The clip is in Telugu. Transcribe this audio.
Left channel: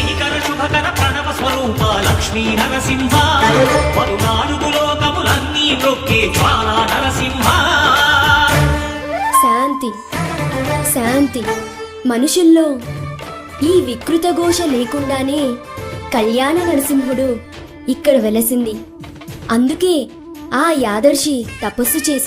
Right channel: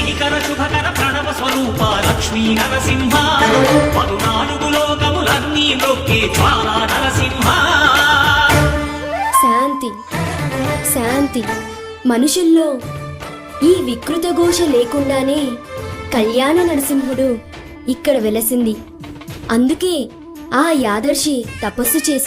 శ్రీకర శుభకర ప్రణవ స్వరూప లక్ష్మీ నరసింహ. పదునాలుగు లోకములన్నీ మృక్కే జ్వాలా నరసింహ. శాంతి శాంతి. మనుషుల్లో ఈ వికృత ఘోష లేకుండానే కళ్యాణ నరసింహుడు ఇక్కడ వెలసింది. అందుకే ఆ యాదర్శి తపస్సు చేసి